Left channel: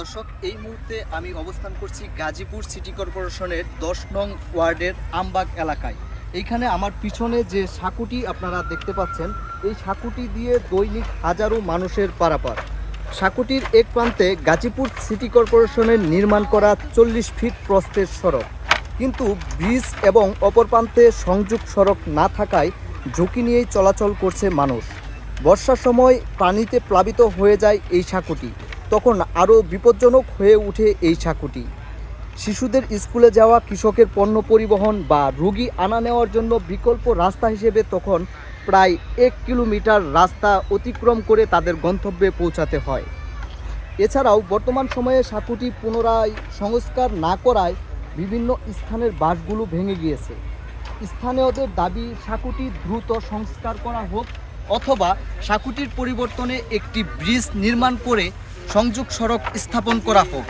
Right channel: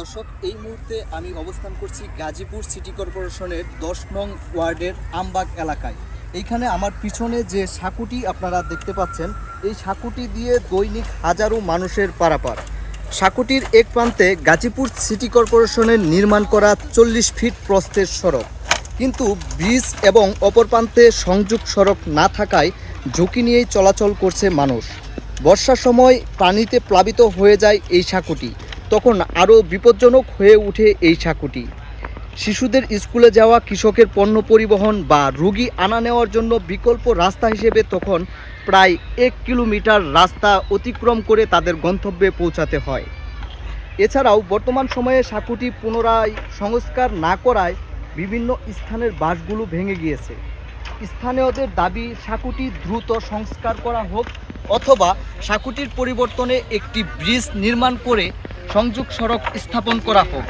দর্শক, এই মুহূর্তে আমি অবস্থান করছি গাজীপুর সিটি কর্পোরেশনের 10 নং ওয়ার্ডের আমবাগ এলাকায়। এইখানে আমার পিছনে যে সাঁকুটি আপনারা দেখতে পাচ্ছেন, এই সাঁকুটি দিয়ে দৈনিক হাজারো মানুষের পারাপার। সাঁকুটির এক প্রান্তে গাজীপুর সিটি কর্পোরেশনের নির্মাণ করা 40 ফিট প্রস্থের সড়ক, কিন্তু ব্রিজ এবং অপর প্রান্তে সংযোগ সড়ক না থাকায় ঝুঁকি নিয়েই চলাচল করছে মানুষ। বর্ষার সময় পানিতে প্লাবিত হয়ে যায় এই সাঁকুটি, তখন আরও বিপজ্জনক হয়ে ওঠে এই সাঁকুটি। শিশুদের স্কুলে যাওয়া, কৃষকের পণ্য পরিবহন বা রোগী আনা নেওয়ার জন্য বিকল্প রাস্তা হিসেবে তখন প্রায় 1 কিলোমিটার রাস্তা অতিক্রম করে তাদের গন্তব্যে পৌঁছাতে হয়। এছাড়াও বর্তমান সময়ে সাঁকুটি পুনরায় সংস্কার না করায় বিভিন্ন স্থানের বাঁশগুলো ভেঙে গিয়েছে। স্থানীয়দের দাবি সাঁকুটি দ্রুত সংস্কার করা হোক, অথবা সাঁকুটির পরিবর্তনে একটি ব্রিজ নির্মাণ করে সংযোগ সড়ক স্থাপন করা হোক।